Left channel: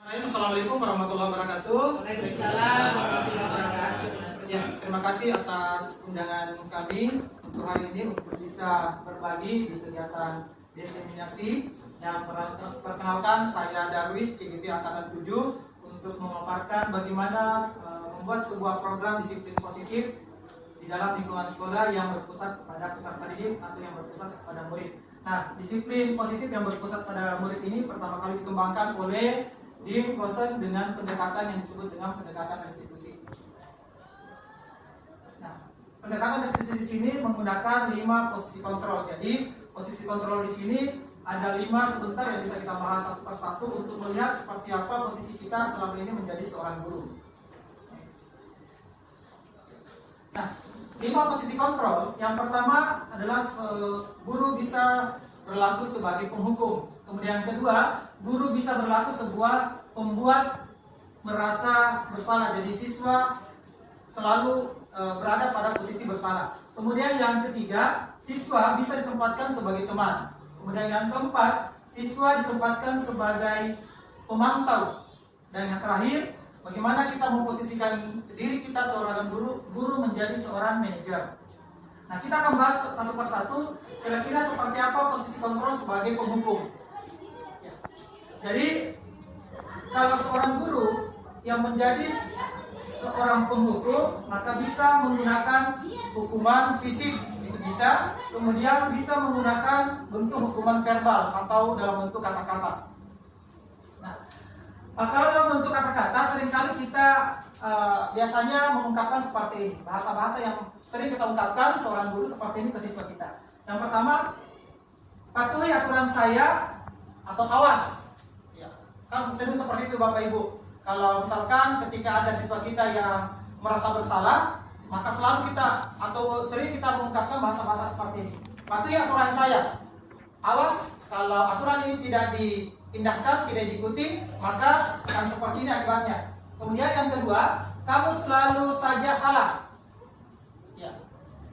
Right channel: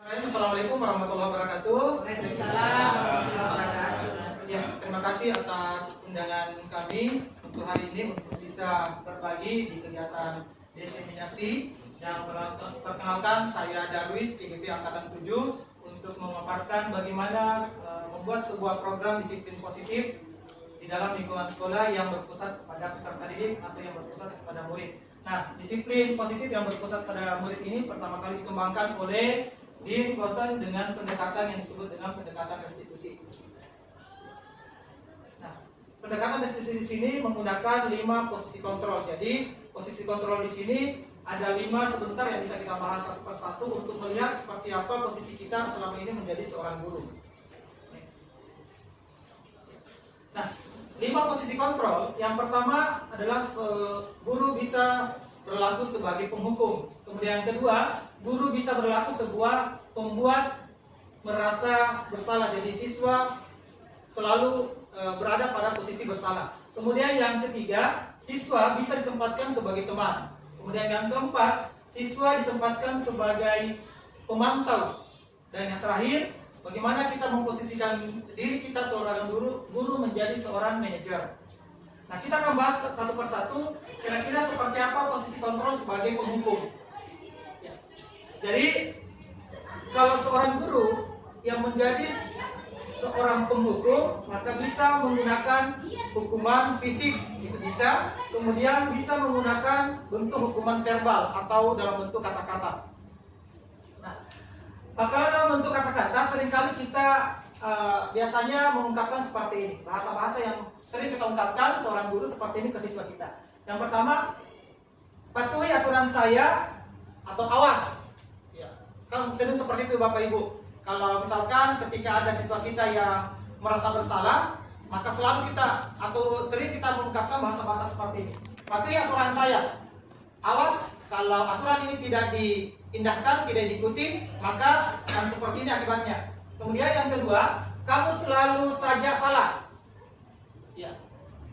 Assalamualaikum warahmatullahi wabarakatuh. Waalaikumsalam warahmatullahi wabarakatuh. Ya, terima kasih atas undangan kami untuk hari ini untuk bisa berbagi di kegiatan diseminasi. Dan perkenalkan, saya Darwis, CGP Angkatan 7, untuk memaparkan bagaimana membuat sebuah program disiplin positif di dalam lingkungan sekolah yang berpusat kepada peserta didik atau yang berpusat kepada murid. Nah, disiplin positif yang berpusat pada murid ini pertama kali dikembangkan oleh Dean Kosen dengan pendekatan yang disebut dengan pendekatan restitusi. Nah, pendekatan restitusi di sini menggunakan 5 posisi kontrol. Jadi, posisi kontrol di sini ada 5 sebentar yang bisa kita bahas satu persatu untuk melihat seperti apa posisi kita selama ini menjadi seorang guru. Nah, 5 posisi kontrol. Yang pertama adalah guru bisa berlaku sebagai penghukum. Kemudian yang kedua, guru bisa berlaku sebuah pembuat merasa bersalah. Jadi siswa selalu berada pada posisi bersalah. Kemudian yang ketiga, siswa bisa ditempatkan sebagai teman. Kemudian yang keempat, siswa ditempatkan sebagai pemantau. Dan yang terakhir, bagaimana kita memposisikan diri kita seorang guru menjadi seorang manajer. Nah, kita akan bahas satu persatu kira-kira seperti apa posisi kontrol sebagai penghukum. Ya. Jadi, kalau seorang guru yang menjadi seorang penghukum, maka bisa menggunakan hukuman fisik, itu bisa. Kemudian bisa menggunakan bentuk hukuman verbal atau dalam bentuk kata-kata. Nah, kalau dalam bentuk kata-kata, seringkali kita biasanya mengungkapkan seperti ini. Bahasa-bahasa yang sering kita ungkapkan seorang guru seperti ini ke siswa kita. Yang pertama, patuhi aturan saya atau awas. Ya, kan sering seperti itu Bapak Ibu. Kalau misalkan ketika ada siswa kita yang merasa bersalah, maka selalu kita atau sering kita mengungkapkan bahasa-bahasa seperti ini. Patuhi aturan saya. Awas, kalau aturan ini tidak diindahkan, tidak diikuti, maka akan seperti ini akibatnya. Kemudian yang kedua, kamu selalu saja salah. Ya.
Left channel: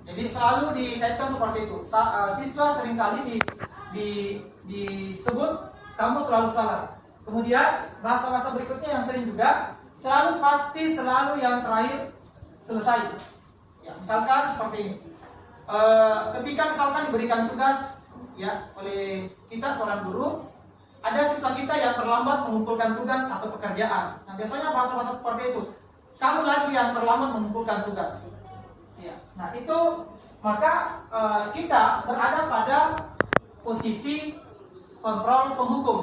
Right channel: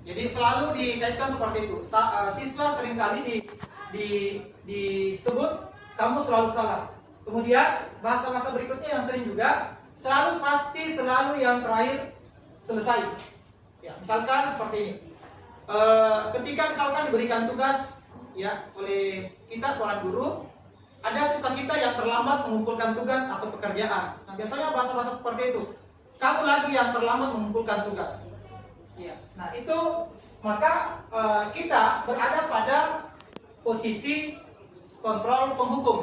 Jadi selalu dikaitkan seperti itu. Siswa seringkali disebut kamu selalu salah. Kemudian bahasa-bahasa berikutnya yang sering juga, selalu pasti, selalu yang terakhir selesai. Ya, misalkan seperti ini. Ketika misalkan diberikan tugas ya oleh kita seorang guru, ada siswa kita yang terlambat mengumpulkan tugas atau pekerjaan. Nah, biasanya bahasa-bahasa seperti itu. Kamu lagi yang terlambat mengumpulkan tugas. Ya. Nah, itu maka kita berada pada posisi kontrol penghukum.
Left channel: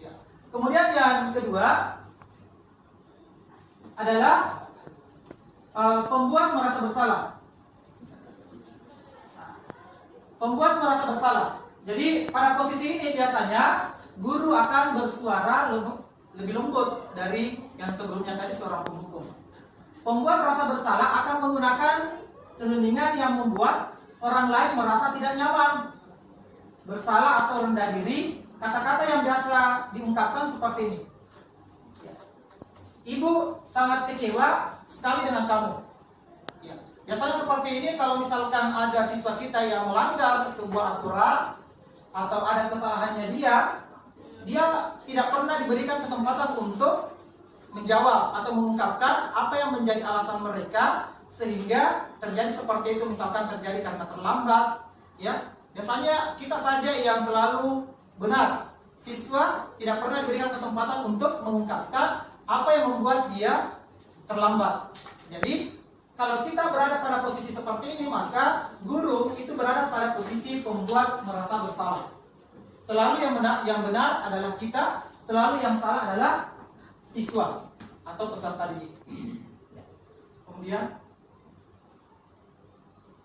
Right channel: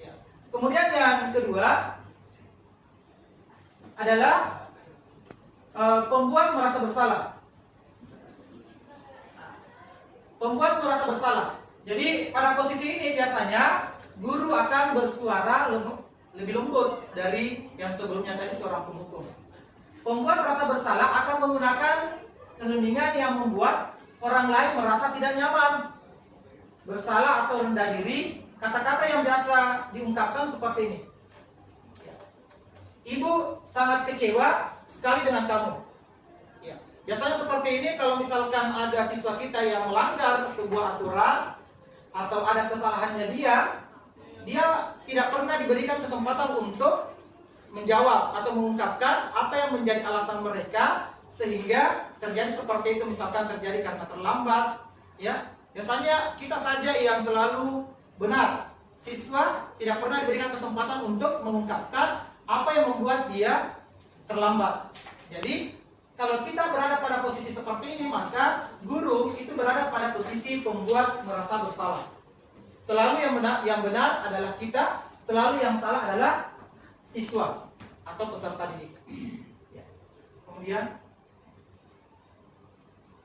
Ya. Kemudian yang kedua adalah pembuat merasa bersalah. Nah, pembuat merasa bersalah. Jadi pada posisi ini biasanya guru akan bersuara lebih lembut dari yang sebelumnya tadi seorang penghukum. Pembuat merasa bersalah akan menggunakan keheningan yang membuat orang lain merasa tidak nyaman, bersalah atau rendah diri. Kata-kata yang biasa diungkapkan seperti ini. Ya. Ibu sangat kecewa sekali dengan kamu. Ya. Biasanya seperti ini kalau misalkan ada siswa kita yang melanggar sebuah aturan atau ada kesalahannya dia tidak pernah diberikan kesempatan untuk menjawab atau mengungkapkan apa yang menjadi alasan mereka sehingga terjadi seperti itu. Misalkan terjadi karena terlambat, ya biasanya kita saja yang selalu benar. Siswa tidak pernah diberikan kesempatan untuk mengungkapkan apa yang membuat dia terlambat. Jadi kalau kita berada pada posisi seperti ini, maka guru itu berada pada posisi pembuat merasa bersalah. Selalu yang benar adalah kita, selalu yang salah adalah siswa atau peserta didik. Ya. Kemudian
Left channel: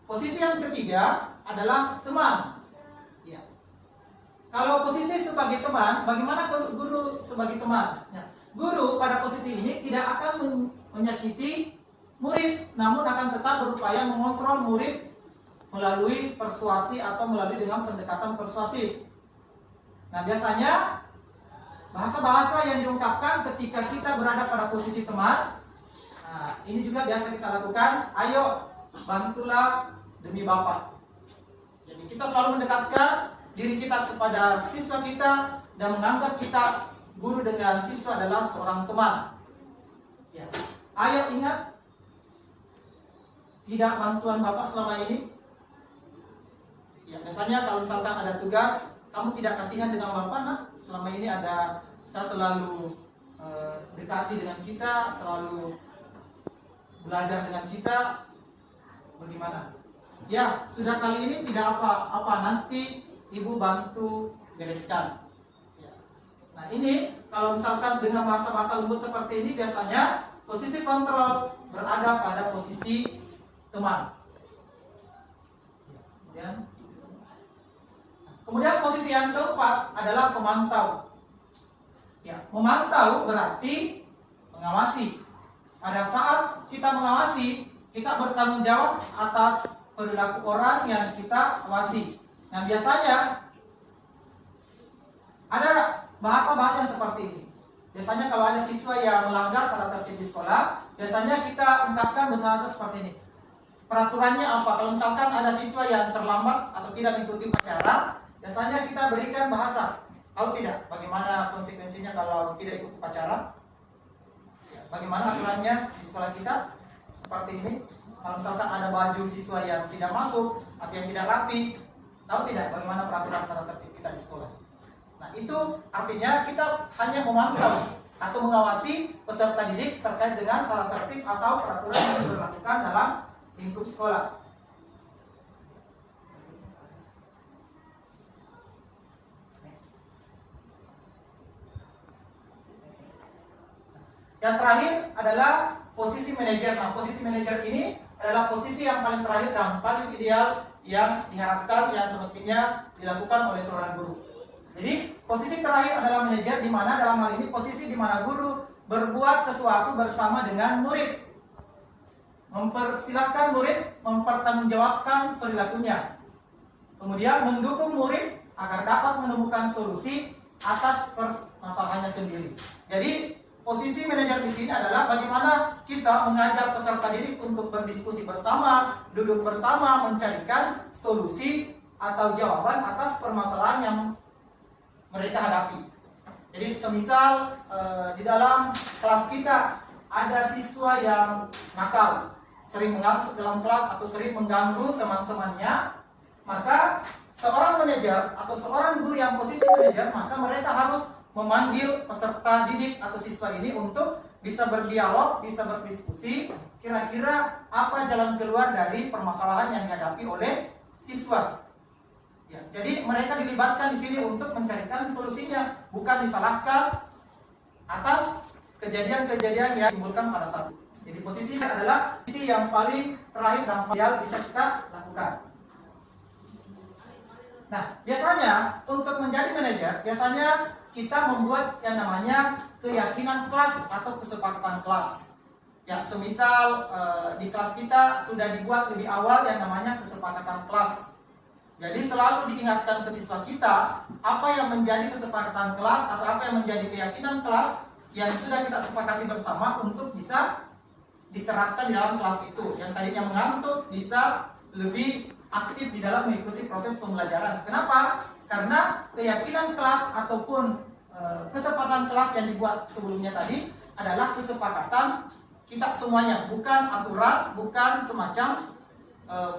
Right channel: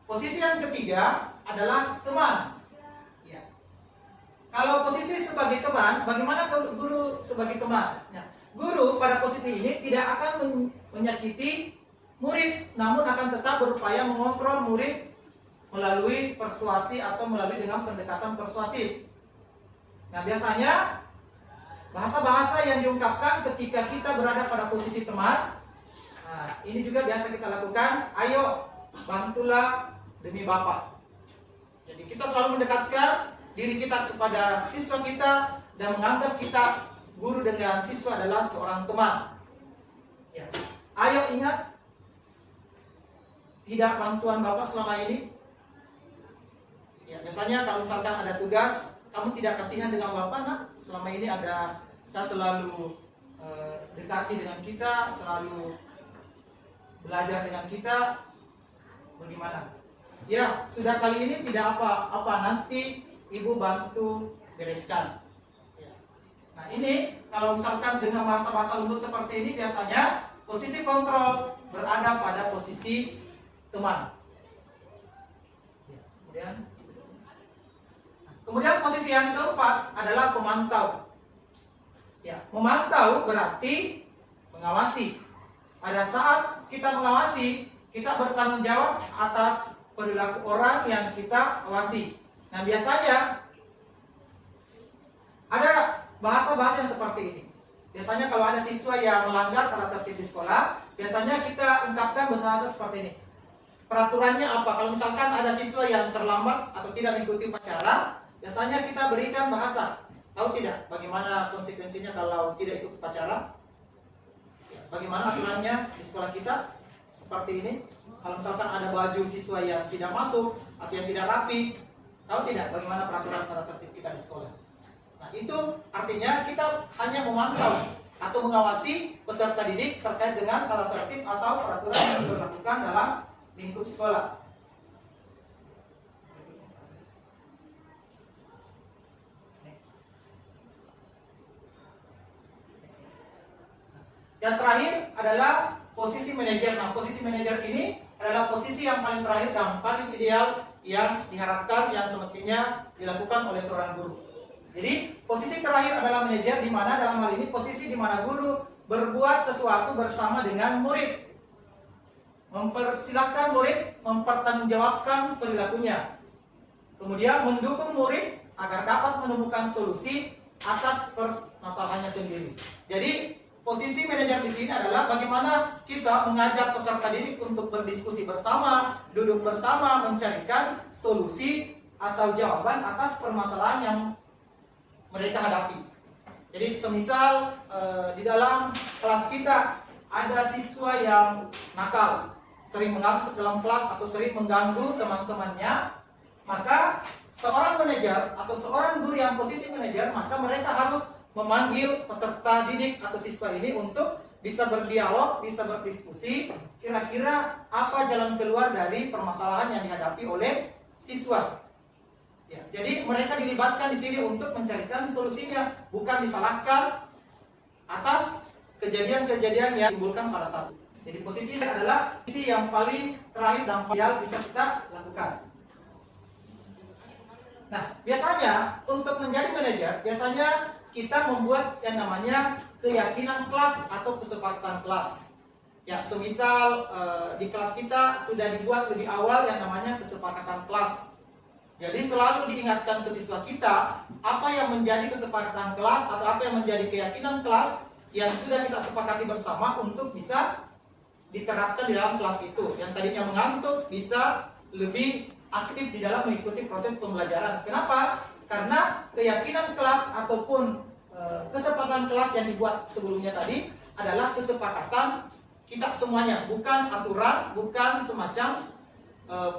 posisi yang ketiga adalah teman. Ya. Kalau posisi sebagai teman, bagaimana guru sebagai teman? Ya. Guru pada posisi ini tidak akan menyakiti murid, namun akan tetap berupaya mengontrol murid melalui persuasi atau melalui dengan pendekatan persuasif. Nah, biasanya bahasa-bahasa yang diungkapkan ketika kita berada pada posisi teman, nah, ini juga biasa kita lakukan. Ayo, bantulah demi Bapak. Jadi kita selalu mendekatkan diri kita kepada siswa kita dan menganggap kita guru dengan siswa adalah seorang teman. Ya. Ayo ingat, tidak bantuan Bapak selama ini. Ya, misalnya kalau misalkan ada tugas, kamu tidak kasihan dengan Bapak, nak. Selama ini saya selalu dekati dengan kita, selalu belajar dengan kita. Bagaimana? Ya, sudah kali ini tidak apa-apa, nanti Ibu bantu bereskan. Ya. Nah ini kalau misalkan dengan bahasa-bahasa lembut seperti ini, biasanya posisi kontrol berada pada posisi teman. Kemudian posisi yang keempat adalah pemantau. Ya, memantau berarti mengawasi. Pada saat kita mengawasi, kita bertanggung jawab atas perilaku orang yang kita awasi. Nah, biasanya ada bahasa-bahasa yang seperti ini. Biasanya kalau ada siswa yang melanggar tata tertib di sekolah, biasanya kita ungkapkan bahasa seperti ini. Peraturannya apa? Kalau misalkan ada siswa yang terlambat atau tidak mengikuti upacara, biasanya kita berikan bahasa. Tahu tidak bagaimana konsekuensinya kalau tidak ikut upacara? Bagaimana aturannya di sekolah kita? Seperti ini. Kalau misalkan ada baju siswa yang tidak masuk atau yang tidak rapi, tahu tidak bagaimana peraturan tata tertib kita di sekolah? Nah, itu artinya kita hanya memantau atau mengawasi peserta didik terkait dengan tata tertib atau peraturan yang diberlakukan dalam lingkup sekolah. Yang terakhir adalah posisi manajer. Nah, posisi manajer ini adalah posisi yang paling terakhir dan paling ideal yang diharapkan, yang semestinya dilakukan oleh seorang guru. Jadi, posisi terakhir adalah manajer, di mana dalam hal ini posisi di mana guru berbuat sesuatu bersama dengan murid. Mempersilahkan murid mempertanggungjawabkan perilakunya. Kemudian mendukung murid agar dapat menemukan solusi atas permasalahannya sendiri. Jadi, posisi manajer di sini adalah bagaimana kita mengajak peserta didik untuk berdiskusi bersama, duduk bersama, mencarikan solusi atau jawaban atas permasalahan yang mereka hadapi. Jadi semisal di dalam kelas kita ada siswa yang nakal, sering mengantuk dalam kelas atau sering mengganggu teman-temannya, maka seorang manajer atau seorang guru yang posisi manajer, maka mereka harus memanggil peserta didik atau siswa ini untuk bisa berdialog, bisa berdiskusi, kira-kira apa jalan keluar dari permasalahan yang dihadapi oleh siswa. Ya, jadi mereka dilibatkan di sini untuk mencarikan solusinya, bukan disalahkan atas kejadian-kejadian yang ditimbulkan pada saat itu. Jadi posisinya adalah posisi yang paling terakhir dan ideal bisa kita lakukan. Nah, biasanya untuk menjadi manajer, biasanya kita membuat yang namanya keyakinan kelas atau kesepakatan kelas. Ya, semisal di kelas kita sudah dibuat lebih awal yang namanya kesepakatan kelas. Jadi selalu diingatkan ke siswa kita apa yang menjadi kesepakatan kelas atau apa yang menjadi keyakinan kelas yang sudah kita sepakati bersama untuk bisa diterapkan di dalam kelas itu. Yang tadinya mengantuk bisa lebih aktif di dalam mengikuti proses pembelajaran. Kenapa? Karena keyakinan kelas ataupun kesepakatan kelas yang dibuat sebelumnya tadi adalah kesepakatan kita semuanya, bukan aturan, bukan semacam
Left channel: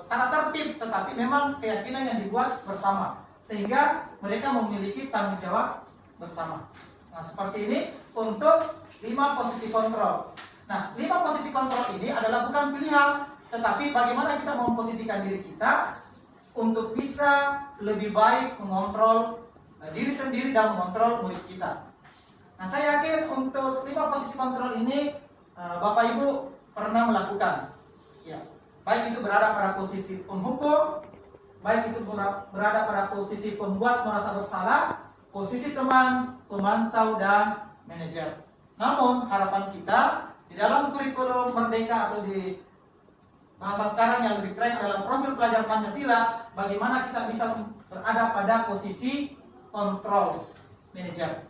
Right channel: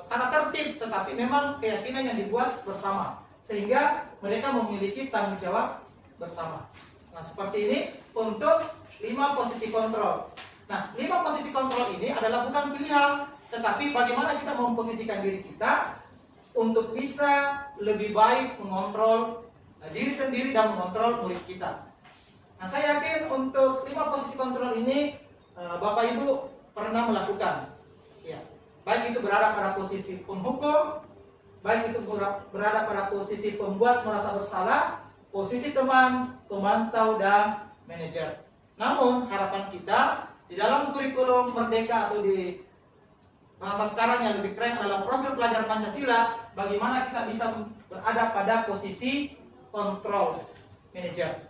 tata tertib, tetapi memang keyakinan yang dibuat bersama, sehingga mereka memiliki tanggung jawab bersama. Nah, seperti ini untuk 5 posisi kontrol. Nah, 5 posisi kontrol ini adalah bukan pilihan, tetapi bagaimana kita memposisikan diri kita untuk bisa lebih baik mengontrol diri sendiri dan mengontrol murid kita. Nah, saya yakin untuk 5 posisi kontrol ini Bapak Ibu pernah melakukan. Ya, baik itu berada pada posisi penghukum, baik itu berada pada posisi pembuat merasa bersalah, posisi teman, pemantau, dan manajer. Namun harapan kita di dalam kurikulum Merdeka atau di bahasa sekarang yang lebih keren adalah profil pelajar Pancasila, bagaimana kita bisa berada pada posisi kontrol manajer.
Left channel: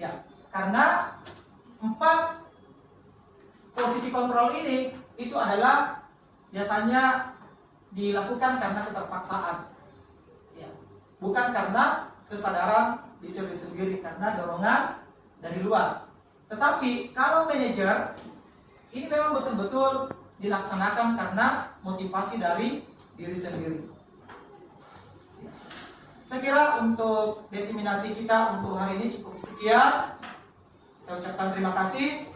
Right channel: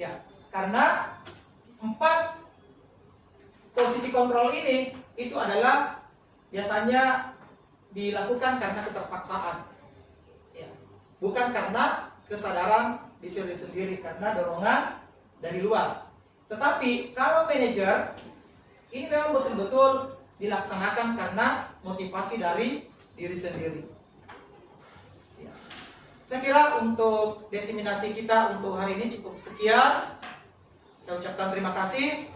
Ya, karena 4 posisi kontrol ini itu adalah biasanya dilakukan karena keterpaksaan. Ya, bukan karena kesadaran diri sendiri karena dorongan dari luar. Tetapi kalau manajer, ini memang betul-betul dilaksanakan karena motivasi dari diri sendiri. Saya kira untuk diseminasi kita untuk hari ini cukup sekian. Saya ucapkan terima kasih.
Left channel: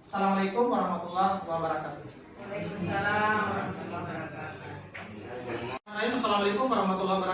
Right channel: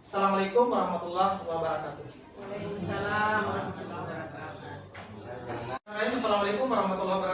Assalamualaikum warahmatullahi wabarakatuh. Waalaikumsalam warahmatullahi wabarakatuh. Assalamualaikum warahmatullahi wabarakatuh.